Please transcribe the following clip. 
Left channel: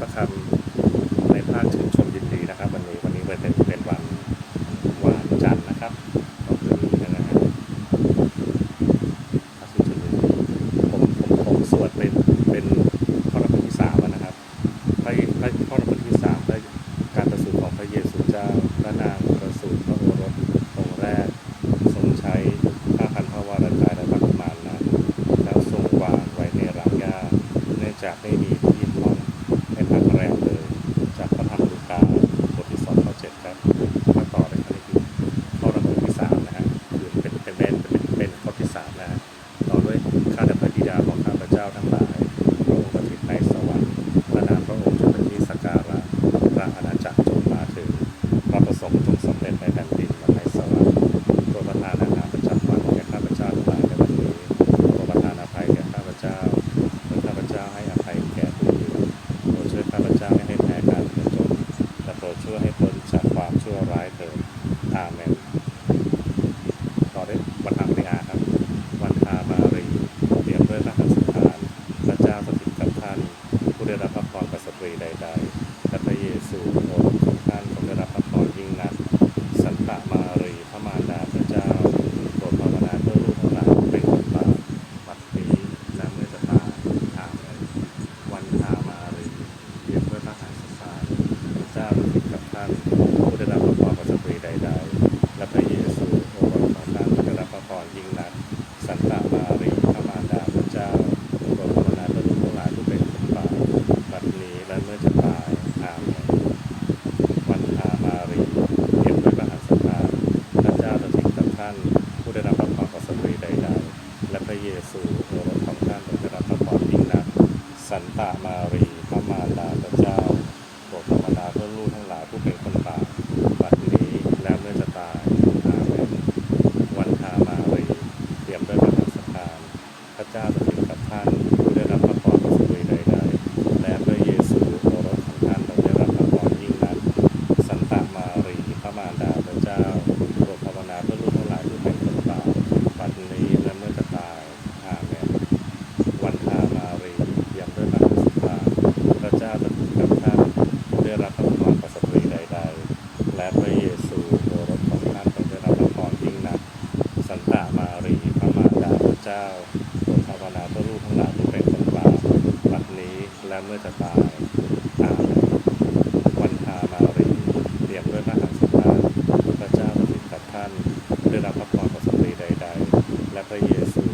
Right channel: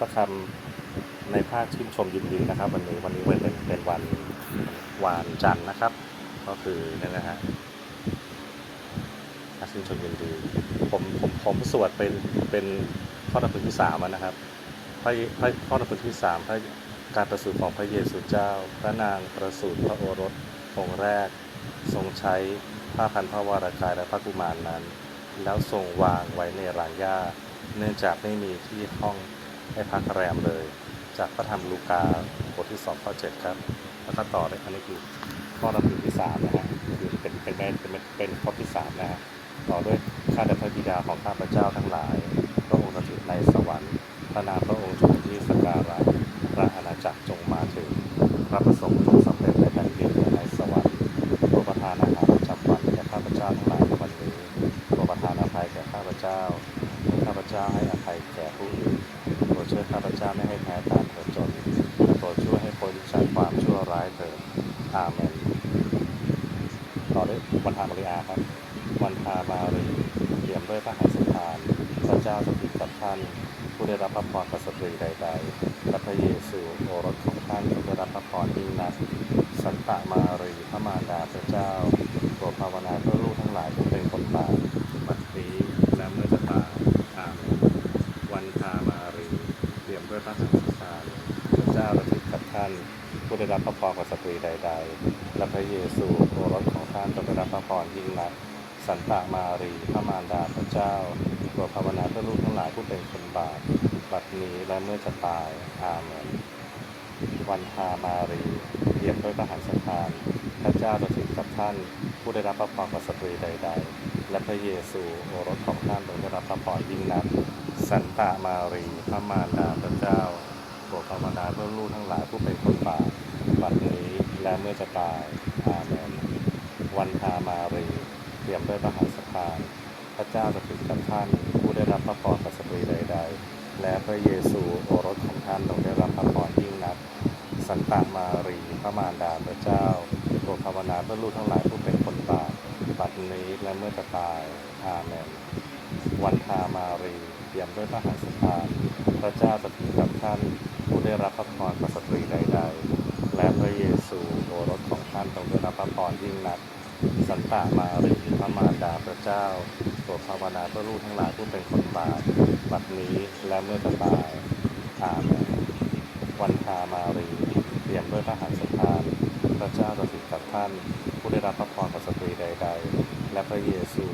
พระคำในภาคชื่นชมยินดีนะครับ วันนี้วันนี้เป็นเป็นวันหวานจันทร์นะครับ ก็คือนี่นะฮะภาคชื่นชมยินดีผมผมผมสวดเป็นเป็นข้อนับที่สามนะครับพระพระข้อนับที่สามพระการประสูติของพระเยซูเจ้า พระนางประสูติพระโอรสองค์แรก ทรงใช้ผ้าพันพระวรากายและพระกุมารนั้น แล้วทรงวางไว้ในร้านหญ้าเนื่องจากไม่มี ให้พักแรมเลย จากพระธรรมลูกาบทที่สองข้อเจ็ดครับถ้าต่อเลยอันนี้คือข้อรำลึกที่สามนะฮะคือเป็นเป็นเป็นเป็นเป็นข้อที่สามนะฮะต่อด้วยข้าแต่พระบิดาของข้าพเจ้าทั้งหลาย ด้วยวันอาริอาครับ วันอามารีเปรียบด้วยพระหัตถ์ทานพระเจ้าสถิตกับท่านผู้ได้รับพระพรประสตรีใดๆและพระเยซูโอรสของท่านทรงได้รับพระพรยิ่งนัก สันตะมารีพระมารดาพระเจ้าโปรดภาวนาเพื่อลูกทั้งหลายเป็นคนบาปบัดนี้และเมื่อตายอามวันทามารีเปรียบด้วยพระหัตถ์ทานพระเจ้าสถิตกับท่านผู้ได้รับพระพรของสตรีใดๆามารีพระมารดาพระเจ้าโปรดภาวนาเพื่อลูกทั้งหลายผู้เป็นคนบาปบัดนี้และเมื่อจะตายอาเมนวันทามารีเรียบด้วยพระหัตถ์านพระเจ้าสถิตกับท่านผู้ได้รับพระพรของสตรีใด ๆ และพระเยซูโอรสของท่านได้รับพระพรยิ่งนักสันตามารีพระมารดาพระเจ้าโปรดภาวนาเพื่อลูกทั้งหลายผู้เป็นคนบาปบัดนี้และเมื่อจะตายอาเมนทามารีเตรียมด้วยพระหัตถ์ทาน พระ เจ้าสถิตกับท่านผู้ได้รับพระพรจากสตรีใดๆและพระเยซูโอรสของท่านทรงได้รับพระพรยิ่งนักสันตามารีพระมารดาพระเจ้าโปรดภาวนาเพื่อลูกทั้งหลายผู้เป็นคนบาปบัดนี้และเมื่อจะตายอาเมนวันทามารีเตรียมด้วยพระหัตถ์ทาพระเจ้าสถิตกับท่านผู้ได้รับพระพรจากสตรีใดๆและพระเยซูโอรสของท่านทรงได้รับพระพรยิ่งนักสันตามารีพระมารดาพระเจ้าาวนาเพื่อลูกทั้งหลายผู้เป็นคนบาปบัดนี้และเมื่อจะตายอาเมนวันคามารีเรียมด้วยพระหัตถ์สุดาพระเจ้าประสิทธิ์กับท่านผู้ได้รับพระพรประสตดีใด ๆ และพระเยซู